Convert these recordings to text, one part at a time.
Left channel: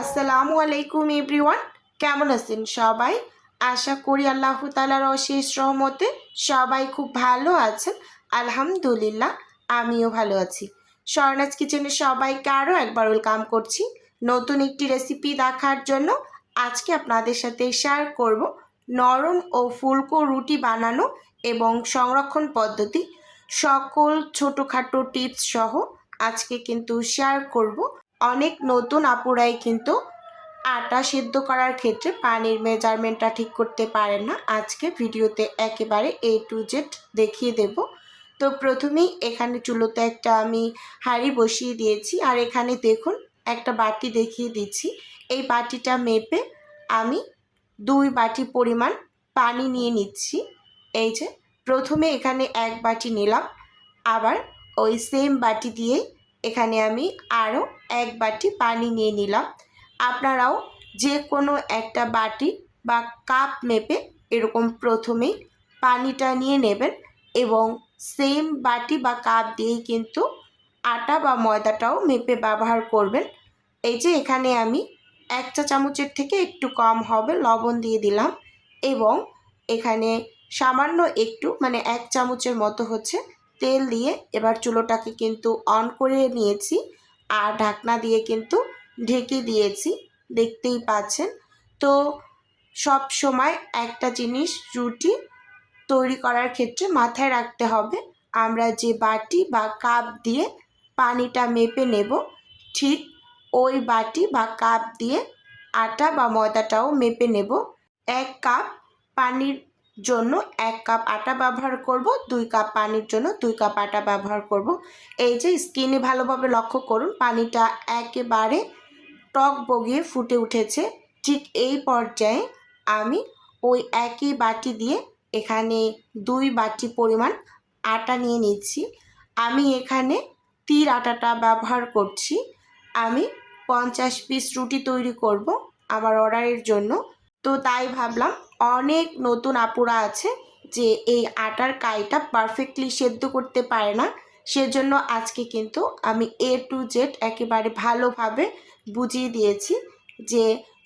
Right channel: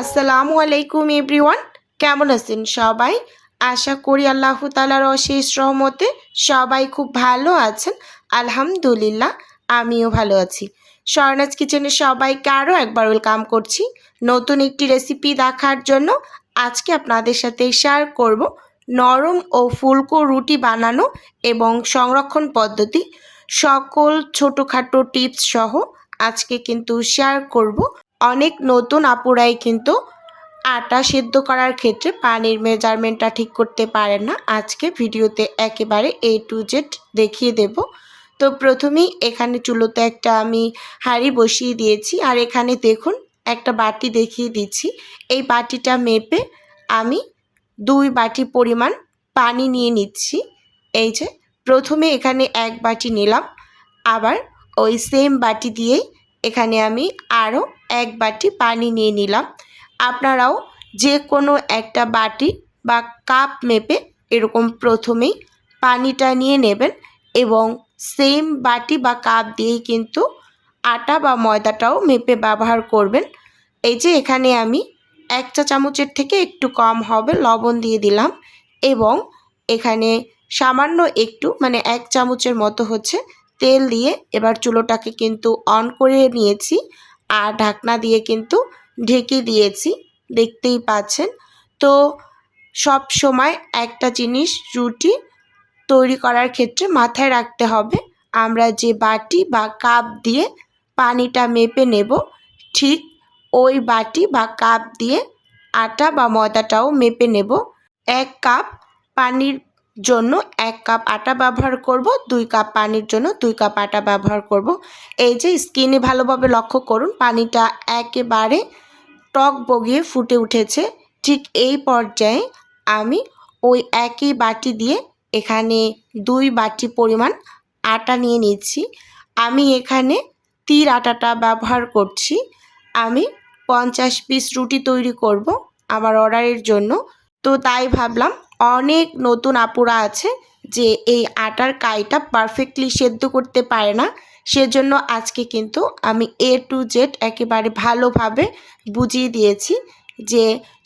আসসালামু আলাইকুম এভরিওয়ান, কেমন আছেন সবাই? আশা করি আল্লাহ তাআলার অশেষ রহমতে সবাই খুব ভালো আছেন। আলহামদুলিল্লাহ, আমিও ভালো আছি। স্বর্ণাজ কিচেনে সবাইকে আরও একবার ওয়েলকাম করছি নতুন একটি রেসিপি দেখার জন্য। আজকে আপনাদের সাথে শেয়ার করব নরম ও ফুলকো রুটি বানানো এবং সংরক্ষণ পদ্ধতি, সকল ছোটোখাটো টিপস সহ আজকে কিন্তু শেয়ার করব। অনেক নতুন আপুরাই কিন্তু আটা সিদ্ধ করার ক্ষেত্রে পানির মেজারমেন্টটা ঠিক করতে পারেন না। আজকে ভিডিওতে একেবারে A to Z দেখিয়ে দেব। তো প্রথমেই এখানে চুলোতে একটা আমি হাঁড়ি বসিয়ে দিয়েছি, আর এখানে দেখুন একটা বাটি দেখিয়ে দিচ্ছি। এই বাটিটা মেপে আমি 2 বাটি পরিমাণ পানি নিয়ে নিচ্ছি। এই যে প্রথমে এখানে 1 বাটি নিলাম, আবার ওই সেম বাটি দিয়েই এখানে আমি আরও 1 বাটি পানি নিয়ে নিলাম। আপনারাও যে কোনো একটা বাটি বা কাপ মেপে এরকম প্রথমেই পানিটা নিয়ে নেবেন এবং সেম বাটি বা কাপ দিয়েই কিন্তু আটা বা ময়দাটাও মেপে ব্যবহার করবেন। এই যে এখানে আমি 1 চা চামচের থেকে একটু কম হবে লবণ দিয়ে দিলাম এবং এখানে সামান্য একটু 1 চামচের মতো হচ্ছে তেল দিয়ে এবার চুলোটাকে কিন্তু অন করে নিয়েছি আর ঢাকনা দিয়ে কিন্তু ঢেকে দিয়েছি, দেখতেই পাচ্ছেন। তো সব সময় একটা জিনিস রুটি তৈরি করার ক্ষেত্রে মাথায় রাখতে হবে, আমরা যে বাটি বা কাপ দিয়ে পানিটা মেপে নেব, ঠিক ওই বাটি বা কাপ দিয়ে আটা বা ময়দাটাও মেপে নেব। 1 কাপ পানির জন্য 1 কাপ আটা ব্যবহার করব, 2 কাপ পানির জন্য 2 কাপ আটা ব্যবহার করব। এই যে স্কিনে ভালোভাবে লক্ষ্য করুন, পানিটা একেবারে টক বগিয়ে ফুটে উঠেছে। ঠিক এই পর্যায়ে আমি ওই একই বাটি দিয়ে এখানে 2 বাটি পরিমাণ আটা নিয়ে নিচ্ছি। আমি এখানে তীর আটাটা ব্যবহার করছি। আমি 50 পিস রুটি তৈরি করব আমার অর্ডারের জন্য। তো তাই ভাবলাম, অনেক নতুন আপুরা আছে যে এই আটার কাইটা পারফেক্টলি সেদ্ধ করতে পারে না, সেজন্য আজকে কিন্তু আমি A to Z একেবারে ভালোভাবে বুঝিয়ে দিয়েছি যে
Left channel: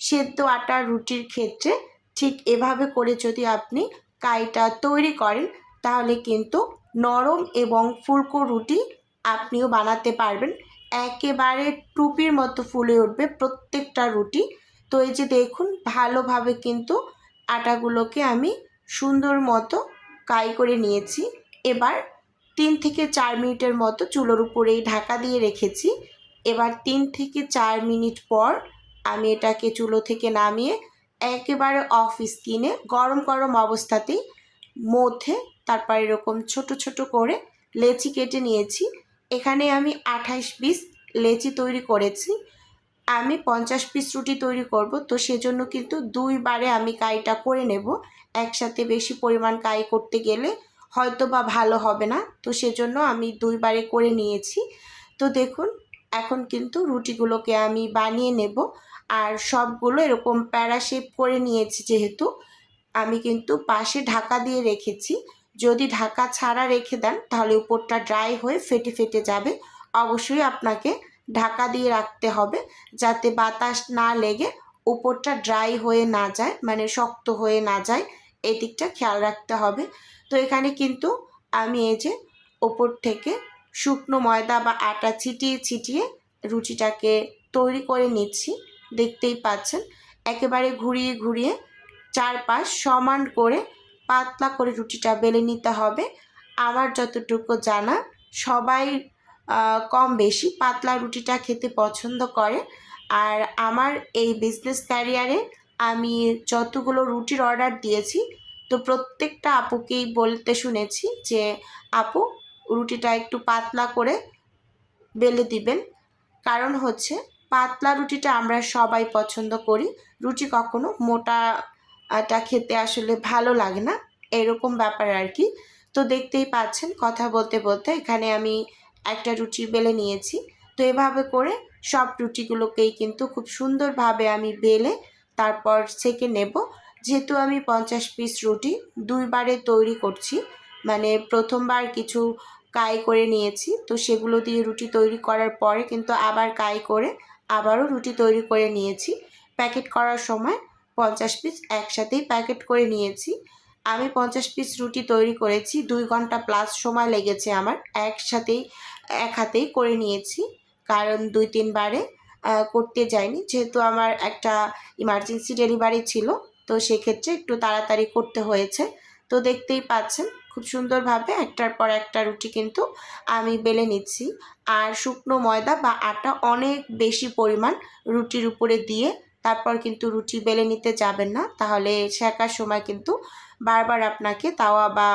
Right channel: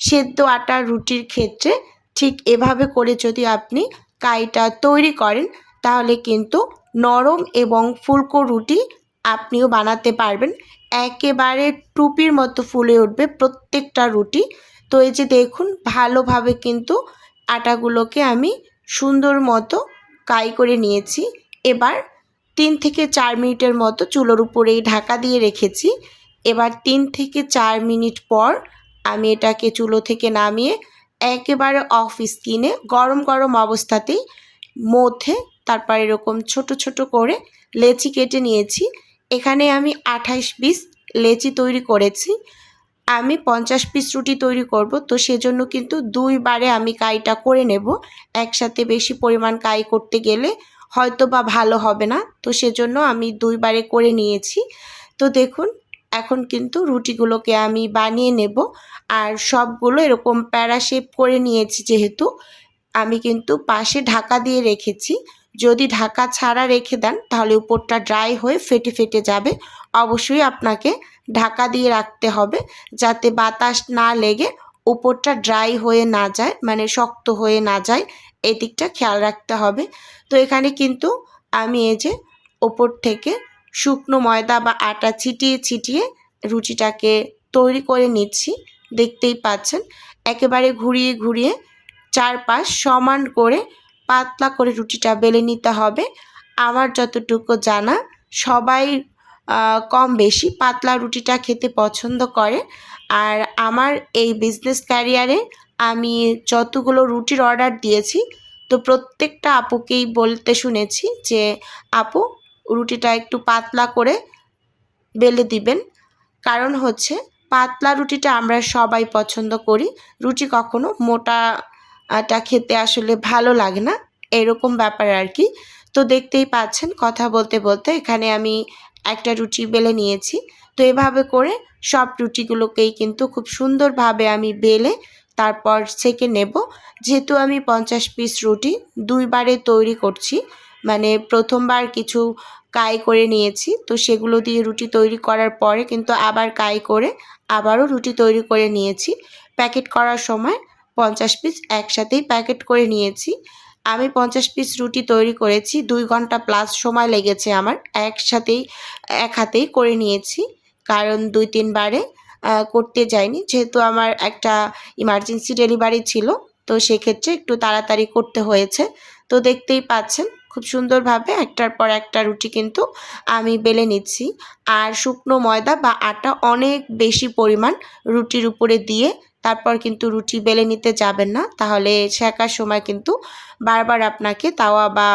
সেদ্ধ আটার রুটির ক্ষেত্রে ঠিক এভাবে করে যদি আপনি কাইটা তৈরি করেন তাহলে কিন্তু নরম এবং ফুলকো রুটি আপনিও বানাতে পারবেন। একেবারে টুপির মতো ফুলে উঠবে প্রত্যেকটা রুটি। তো এই যে দেখুন, ভালোভাবে কিন্তু আটাগুলোকে আমি সুন্দর মতো কাই করে নিয়েছি। এবার 3 থেকে 4 মিনিটের মতো চুলোর উপরেই ঢাকা দিয়ে রেখেছি। এবার 3 থেকে 4 মিনিট পর আমি এটাকে চুলো থেকে নামিয়ে একেবারে অফ স্কিনে গরম গরম অবস্থাতেই মধ্যে তারপর এরকম ছোট ছোট করে লেচি কেটে নিয়েছি। এখানে আমি 28 পিস লেচি তৈরি করেছি। আমি 50 পিস রুটি তৈরি করব, তো সেজন্য কিন্তু 2 বারে আমি কাইটা করে নেব। একসাথে বেশি পরিমাণ কাই করতে গেলে হয়তো বা ভালো হবে না, তো সেজন্য আমি 2 বারে করে নিয়েছি। তো দেখুন, এখন কিন্তু রুটিগুলোকে আমি বানিয়ে নেব। আর সবগুলো এরকম প্যারা শেপ করে নিয়েছি, যেহেতু আমি কিন্তু পাশে ঢাকা দিয়ে রেখেছি। যদি ঢাকা ছাড়া রেখে দেন তাহলে উপরটা ড্রাই হয়ে ফেটে ফেটে যাবে। অবশ্যই আপনাকে ঢাকা দিয়ে রাখতে হবে যাতে বাতাস না লেগে উপরটা ড্রাই হয়ে না যায়, শক্ত হয়ে না যায়, এদিকটা খেয়াল রাখতে হবে। তো এখানে কিন্তু আমি এই যে ওপর থেকে শুকনো ময়দা বা আটা ছিটিয়ে ছিটিয়ে রুটিটাকে তৈরি করে নিচ্ছি, দেখতেই পাচ্ছেন। একেবারে ঘুরিয়ে ঘুরিয়ে চারপাশ সমান করে পাতলা করে রুটিটা বেলে নিতে হবে। আমার যতটুকু জানা, সবাই কম বেশি পাতলা রুটিটা খেতে পছন্দ করে। আর আমার এই বিজনেস ক্যারিয়ারে আমি যতগুলো রুটির অর্ডার দিয়েছি, তো প্রত্যেকটা আপুকেই বলতে শুনেছি যে আপু, রুটিটা একটু পাতলা করে বেলে দিবেন। কারণ হচ্ছে পাতলা রুটিটা আমরা সবাই পছন্দ করি, রুটি কখনো মোটাটা খেতে আসলে ভালো লাগে না, এরকম ব্যাপার আর কি। তো দেখতেই পাচ্ছেন, কথা বলতে বলতে এখানে আমি একটা রুটি বেলে নিয়েছি। তো এভাবে করে সব রুটিগুলোকেই কিন্তু খুব সুন্দরভাবে আমি বেলে তারপর সেঁকে নেব। যেহেতু আমি 50 পিস রুটি 2 বারে তৈরি করছি, মানে প্রথমবার কিছু কাই করে নিয়েছি, তো সেগুলো দিয়ে রুটি তৈরি করার পরে কিন্তু আবার কাই করে আবারও রুটি তৈরি করে নিয়েছি। প্যাকেট করার সময় 50 পিস একসাথেই প্যাকেট করে নিয়েছি। আমি 50 পিস রুটি তৈরি করেছি, 2 ঘন্টা প্লাস সময় লেগেছে আমার। একসাথেই এক হাতেই করে নিয়েছি, কারণ 2-3 বারে করতে যাইনি, যেহেতু আমার একটা ইমার্জেন্সি ডেলিভারি ছিল, তো সেক্ষেত্রে একটু তাড়াতাড়ি করতে হয়েছে। তো দেখতেই পাচ্ছেন খুব সুন্দরভাবে একটার পর একটা রুটি কিন্তু আমি বেলে নিচ্ছি। আর শুকনো ময়দা বা আটা অনেক বেশি পরিমাণ রুটির উপরে দিয়ে তারপর কিন্তু রুটি বেলে নিতে যাবেন না, তাহলে সেকার সময় কিন্তু বারবার আপনাকে তাওয়া বা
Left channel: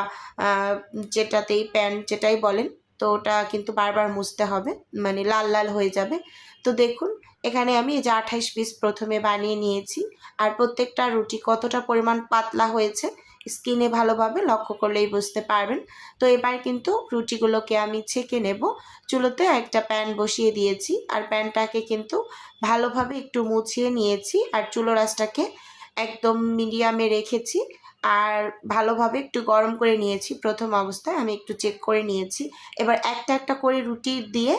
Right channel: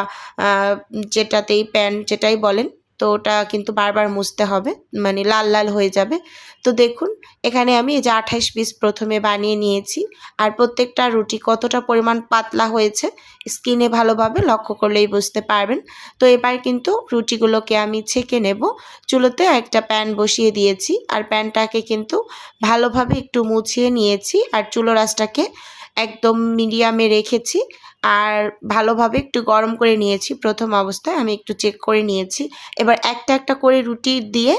যেটাতেই প্যান যেটাই বলেন, তো ওটা কিন্তু বারবার মুছতে হবে, মানে লাল লাল হয়ে যাবে। তো দেখুন এখানে আমি এই যে 28 পিস প্রথমে বানিয়ে নিয়েছি। আর প্রত্যেকটা রুটি কতটা পরিমাণ পাতলা হয়েছে স্কিনে ভালোভাবে লক্ষ্য করলেই বুঝতে পারবেন। তো এবার কিন্তু রুটিগুলোকে আমি ছেঁকে নেব। চুলোতে একটা প্যান বসিয়ে দিয়েছি, আর প্যানটাকে কিন্তু ভালোভাবে একটু মুছিয়ে নিয়েছি, আর চুলোর আঁচটাকে একদম মিডিয়ামে রেখেছি। আর ভালোভাবে একটু গরম করে নিয়েছি। প্রথম অবস্থায় আমি একটু চেক করে নিয়েছি। এবার একটা একটা করে রুটি দিয়ে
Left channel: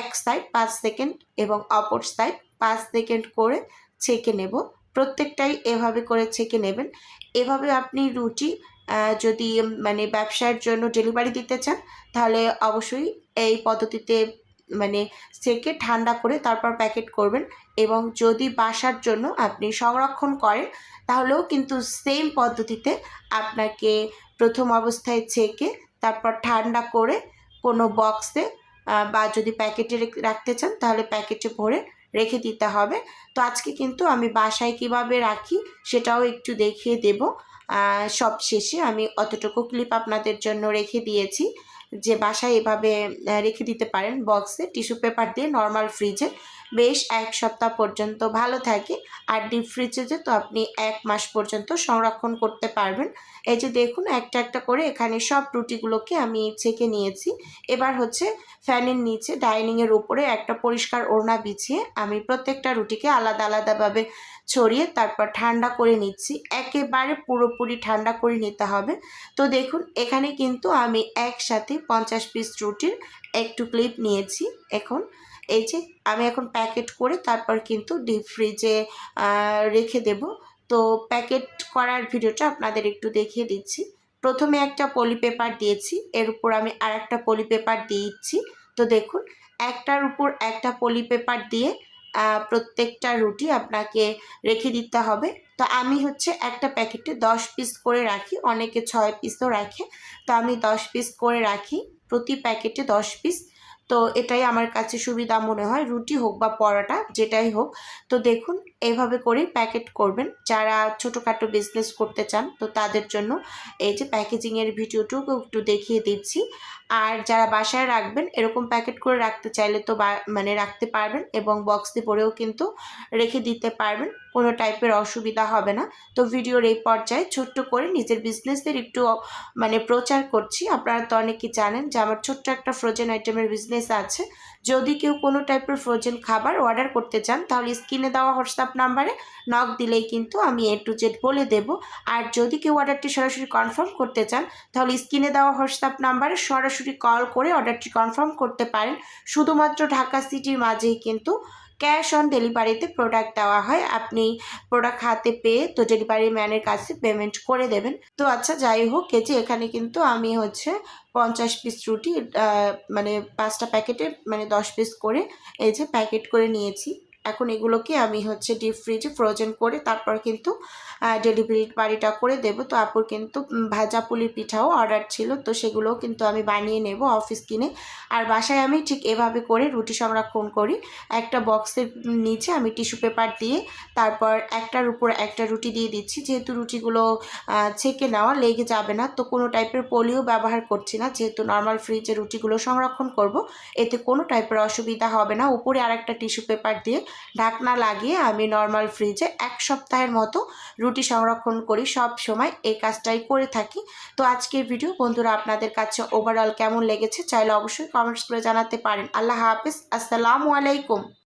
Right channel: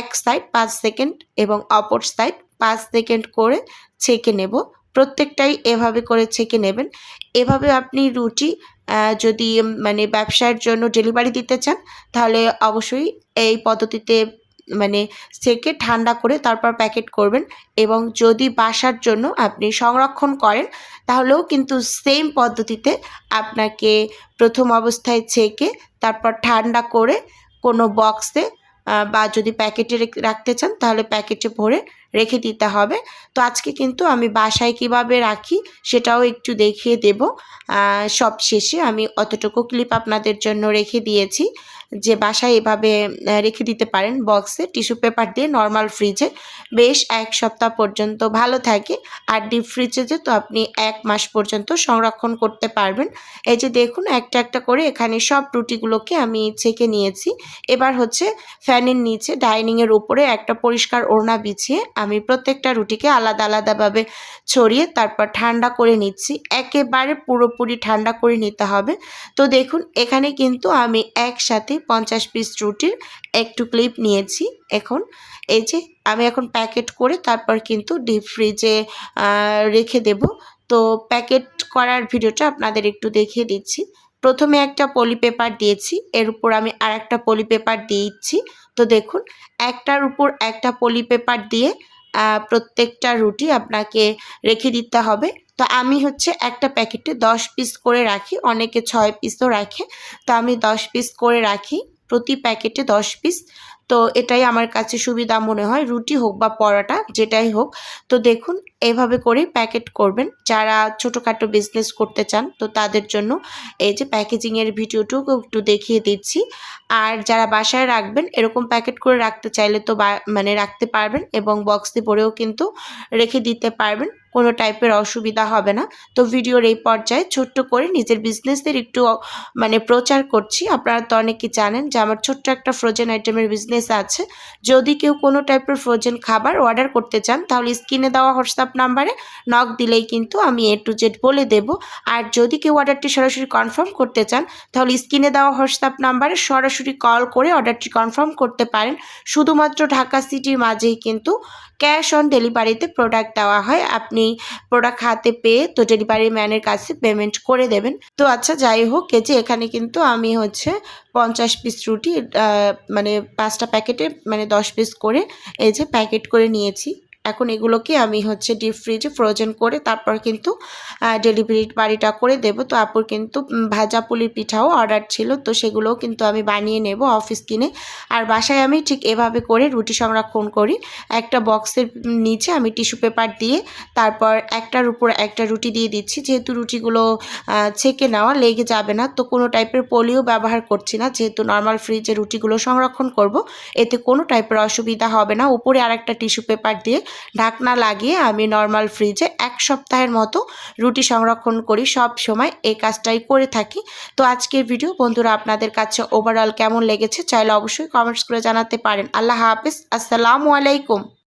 এক সাইড 5 সেকেন্ড এবং অপর সাইড 5 সেকেন্ড করে ছেঁকে নেব। প্রত্যেকটাই এভাবে করে ছেঁকে নেবেন। এভাবে আপনি রুটি যদি মানে ব্যবসার জন্য ডেলিভারি দিতে চান, তাহলে অবশ্যই এই পদ্ধতিতে মানে ছেঁকে ঠান্ডা করে তারপর প্যাকেট করবেন। এবং যদি বাসার জন্য আপনি সংরক্ষণ করেন, তাহলেও কিন্তু সেম পদ্ধতিতে আপনাকে প্রথম অবস্থায় ছেঁকে তারপর ঠান্ডা করে কোনো বক্সে বা যদি প্যাকেটে রাখতে চান তাহলে প্যাকেটে ভরে রেখে দিতে হবে। তো আজকে কিন্তু আমি বাসায় কিভাবে রাখি সেটাও একটু দেখিয়ে দেব। সব শেষে আমি অতটুকু ক্লিপ আপনাদের জন্য রেখে দিয়েছি, যে বাসায় এভাবে রেখে দিতে পারেন বক্সে টিস্যু পেপার দিয়ে নর্মাল ফ্রিজে, বেশ 1 সপ্তাহ পর্যন্ত ভালো থাকে। আর ডিপ ফ্রিজে তো আপনি 1 মাস পর্যন্ত সংরক্ষণ করতে পারবেন। এই যে দেখুন একটা একটা করে এখানে সব রুটিগুলোকে আমি ছেঁকে নিয়েছি। এবার হচ্ছে ফ্যানের নিচে ডাইনিংয়ের উপরে একটা পরিষ্কার ওড়না বিছিয়ে আমি প্রত্যেকটা রুটিকে আলাদা আলাদাভাবে ছড়িয়ে তারপর ঠান্ডা করে নিচ্ছি। একেবারে পুরোপুরি ঠান্ডা করে নিতে হবে। তো দেখুন এখানে কিন্তু আমি একসাথে 50 পিস রুটির একটু ক্লিপ নিয়েছি। এখন এই যে আমি এখন প্যাকেট করে তারপর কিন্তু ডিপ ফ্রিজে রেখে দেব। তো প্যাকেট করার ভিডিওটা আপনাদের একটু দেখিয়ে দিচ্ছি। প্রথমে একটা পলি পেপার দিয়েছি, এর উপর আমি আরেকটা পলি পেপার দিচ্ছি। তো দেখুন একটার উপর একটা পলি পেপার দিয়ে প্রত্যেকটা রুটি আপনাকে রেখে দিতে হবে। তো আমি হচ্ছে একটা প্যাকেটে 10 পিস করে রাখি, অনেকে 6 পিসও রাখে, তো আমি 10 পিস করে রাখি, প্রতি প্যাকেটে 10 পিস। তো এটাই আমার কাছে সুবিধা মনে হয়, রুটি হোক বা পরোটা যেটাই হোক। তো দেখুন এভাবে করেই প্যাকেট করবেন যারা ছোটোখাটো বিজনেস করতে চান, তো তাদের জন্য এই যে প্যাকেজিংয়ের ভিডিওটুকু একটু দেখিয়ে দিচ্ছি। আর যারা বাসায় রাখবেন এরকম প্যাকেট করে রাখতে চাইলে তো মানে রাখতে পারবেন, এবং বক্সে ভরেও কিন্তু রেখে দিতে পারবেন, কোনো টাইপের অসুবিধা হবে না। তো ভিডিওর এই পর্যায়ে ছোট্ট করে নিজের বিজনেসের একটু মানে প্রচার করছি। আপনারা তো অনেকেই জানেন যে আমার ছোট্ট একটা ফ্রোজেন আইটেমের বিজনেস আছে। যদি কেউ কোনো টাইপের ফ্রোজেন খাবার অর্ডার করতে চান, তাহলে স্ক্রিনে দেওয়া হোয়াটসঅ্যাপ নাম্বারে নক দিলেই কিন্তু আমি A to Z বলে দেব। আর যদি কেউ অর্ডারটি সরাসরি কনফার্ম করতে চান, তাহলে স্ক্রিনে দেওয়া হোয়াটসঅ্যাপ নাম্বারে সরাসরি কল করে অর্ডারটি কনফার্ম করতে পারেন। শুধুমাত্র ঢাকা সিটির মাঝেই কিন্তু ক্যাশ অন ডেলিভারিতে প্রোডাক্ট দেওয়া হয়। আপনি প্রোডাক্ট হাতে পেয়ে তো ডেলিভারি ম্যানের কাছে পেমেন্ট করে দেবেন। তো আচ্ছা যাই হোক, এই যে এখানে কিন্তু আমি হচ্ছে 50 পিস রুটি মানে 5টা প্যাকেটে মানে 10 পিস করে এই যে প্যাকেট করে নিয়েছি। এখন এগুলোকে আমি হচ্ছে ডিপ ফ্রিজে ফ্রোজেন করে তারপর কিন্তু ডেলিভারিটা করে দেব। তো আপুর কিন্তু ভাজা পুলির পিঠাও অর্ডার ছিল, তো সেগুলোও কিন্তু আমি বানিয়ে নেব অফিস কিনে। আর বাসায় আমি ঠিক এভাবে করে রুটি সংরক্ষণ করি। একটা বক্সের নিচে আমি টিস্যু পেপার দিয়ে তারপর একটার উপর একটা রুটি দিয়ে দিচ্ছি, যেহেতু রুটিগুলো ছেঁকে নেওয়া লেগে যাবে না, তো কোনো টাইপের পলিও ব্যবহার করছি না, যেহেতু নর্মাল ফ্রিজে রুটিগুলো সংরক্ষণ করব, এতে কোনো টাইপের অসুবিধা হবে না। উপরে আরেকটা টিস্যু পেপার দিয়ে ঢাকনা লাগিয়ে আমি নর্মাল ফ্রিজে 1 সপ্তাহের মতো রুটি সংরক্ষণ করি, সব সময় এই কাজটাই করে থাকি। তো আজকের ভিডিও বন্ধুরা আপনাদের কাছে ওভারঅল কেমন লেগেছে চাইলে অবশ্যই কমেন্টস করে জানাতে পারেন। আল্লাহ হাফেজ, আসসালামু আলাইকুম।